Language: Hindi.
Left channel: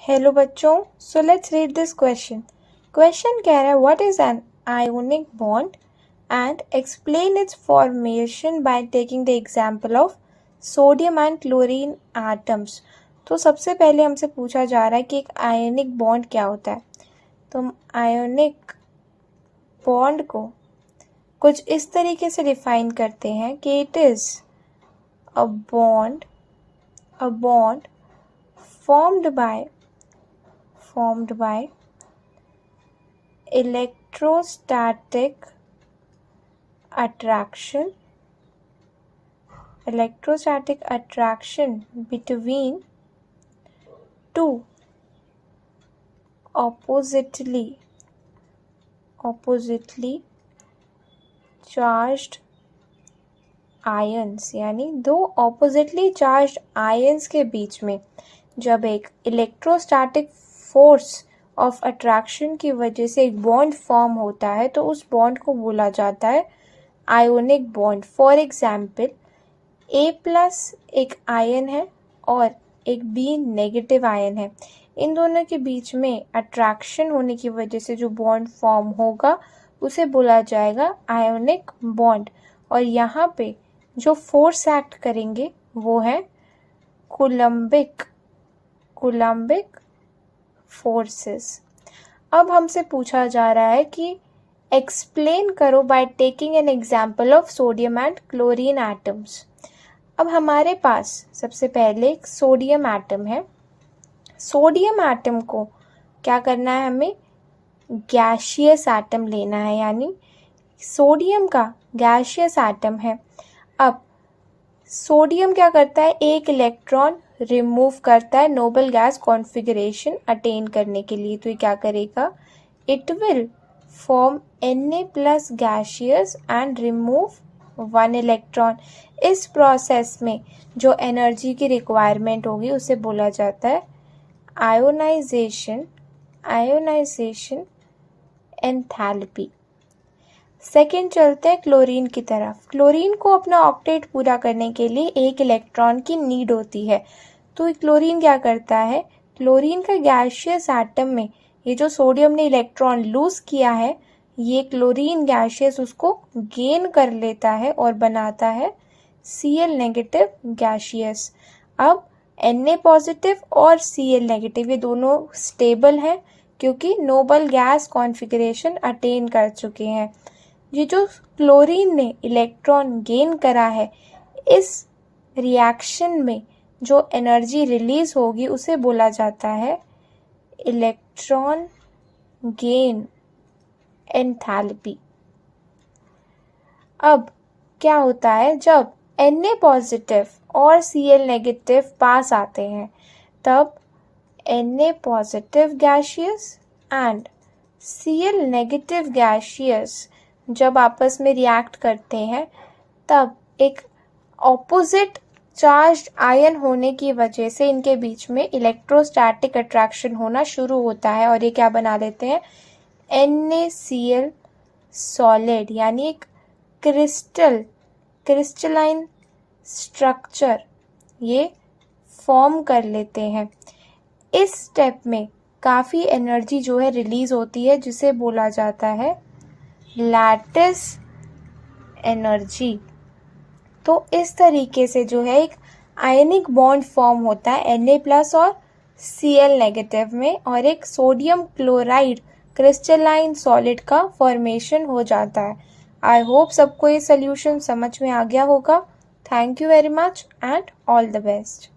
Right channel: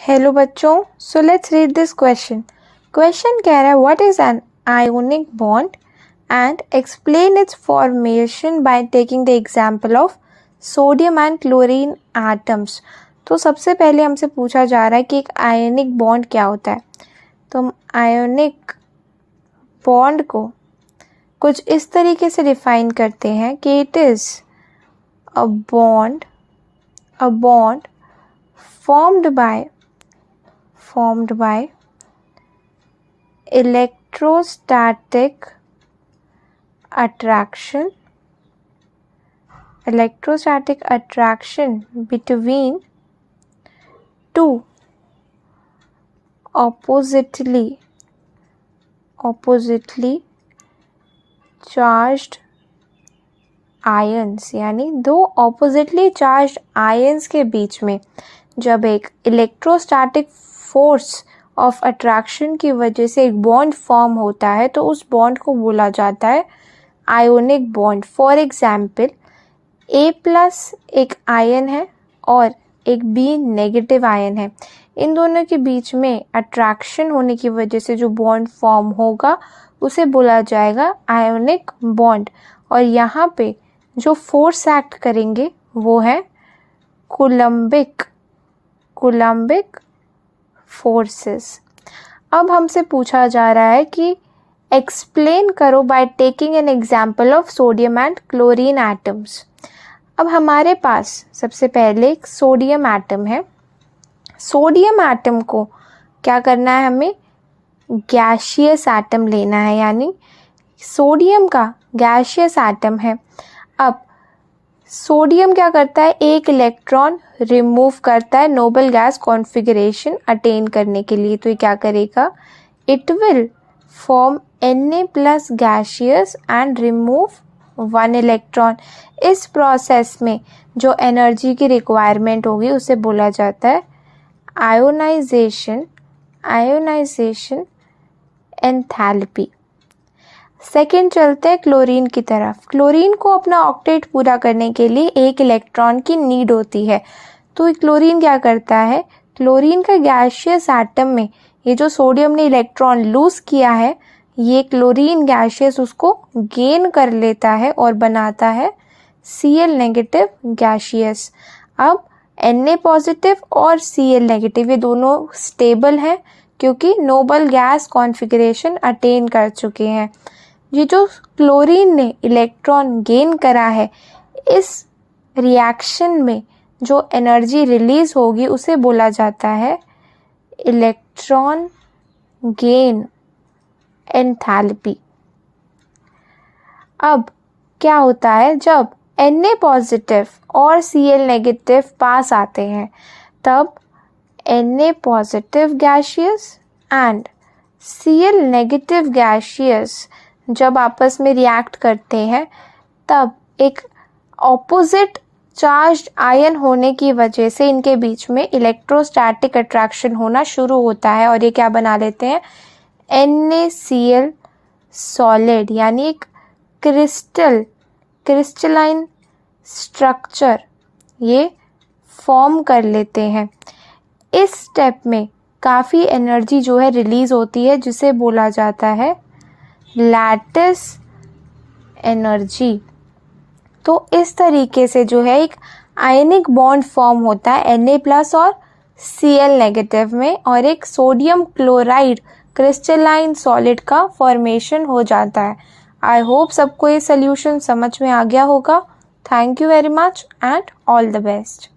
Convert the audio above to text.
हेलो बच्चों, so let's read this question. Question कह रहा है what is an ionic bond and explain it's formation by taking the example of sodium and chlorine atoms. तो सबसे पहले हमसे पूछा जा रहा है कि एक आयोनिक बॉन्ड क्या होता है। तो हम आयोनिक बॉन्ड को कुछ इस तरीके से डिफाइन करते हैं कि it is a bond formed by electrostatic attraction between two oppositely charged ions, यानी दो ऑपोजिटली चार्ज्ड आयंस के बीच में जब एक इलेक्ट्रोस्टैटिक फोर्स ऑफ अट्रैक्शन की वजह से एक बॉन्ड फॉर्म होता है तो उस बॉन्ड को बोला जाता है ionic bond. For example A+ एक आयन है और एक B नेगेटिव आयन है। इन दोनों के बीच में अट्रैक्शन होने की वजह से जो बॉन्ड फॉर्म होगा उसे बोला जाएगा आयोनिक बॉन्ड। और यहाँ पे जो फोर्स एक्ट करेंगे वो है कूलम्बिक फोर्सेस। अब हमसे पूछा जा रहा है कि एक्सप्लेन करो by taking an example of sodium and chlorine atoms. अब हमारे पास सबसे पहले एक सोडियम एटम है। सोडियम एटम को क्या करना है, हमें गैशियस एटम लेना है, यानी सोडियम का गैशियस एटम है। अब सोडियम क्या करता है, एक इलेक्ट्रॉन रिमूव करता है नोबल गैस कॉन्फ़िगरेशन अटेन करने के लिए। तो ये क्या करेगा, it will form Na+ gaseous and remove 1 electron. इस प्रोसेस में जो एनर्जी की रिक्वायरमेंट होगी उसे बोला जाता है आयोनाइजेशन एंथैल्पी। सेकेंड चलते हैं क्लोरीन की तरफ। क्लोरीन को अपना ऑक्टेट पूरा करने के लिए एक इलेक्ट्रॉन की नीड होती है। तो क्लोरीन क्या करता है, क्लोरीन का गैशियस एटम में ये जो सोडियम ने इलेक्ट्रॉन लूज किया है ये क्लोरीन गैशियस उसको गेन कर लेता है और बनाता है Cl- गैशियस। अब Na+ और Cl- ये दोनों स्टेबल हैं क्योंकि नोबल गैस कॉन्फ़िगरेशन अटेन कर चुके हैं। ये जो क्लोरीन ने इलेक्ट्रॉन गेन करा है इस रिएक्शन में जो एनर्जी रिलीज होगी उसे बोला जाता है इलेक्ट्रॉन गेन एंथैल्पी। अब क्या होता है, जब Na+ और Cl- पास आते हैं तब Na+ gaseous and Cl- gaseous जब आपस में रिएक्ट करते हैं तब एक ऑपोजिट चार्ज्ड आयन होने की वजह से इनके बीच में इलेक्ट्रोस्टैटिक अट्रैक्शन होना शुरू होता है और ये क्या बना लेते हैं, NaCl सॉलिड, यानी एक क्रिस्टलाइन स्ट्रक्चर ये फॉर्म कर लेते हैं। इस स्टेप में काफ़ी एनर्जी जो है रिलीज होती है जिसे बोला जाता है लैटिस एनर्जी। तो इस तरीके से जो है एक आयनिक बॉन्ड फॉर्म होता है Na+ और Cl- में और एक सोडियम क्लोराइड क्रिस्टलाइन सॉलिड का फॉर्मेशन हो जाता है। आई होप सबको ये सोल्यूशन समझ में आ गया होगा। Thank you very much and all the best.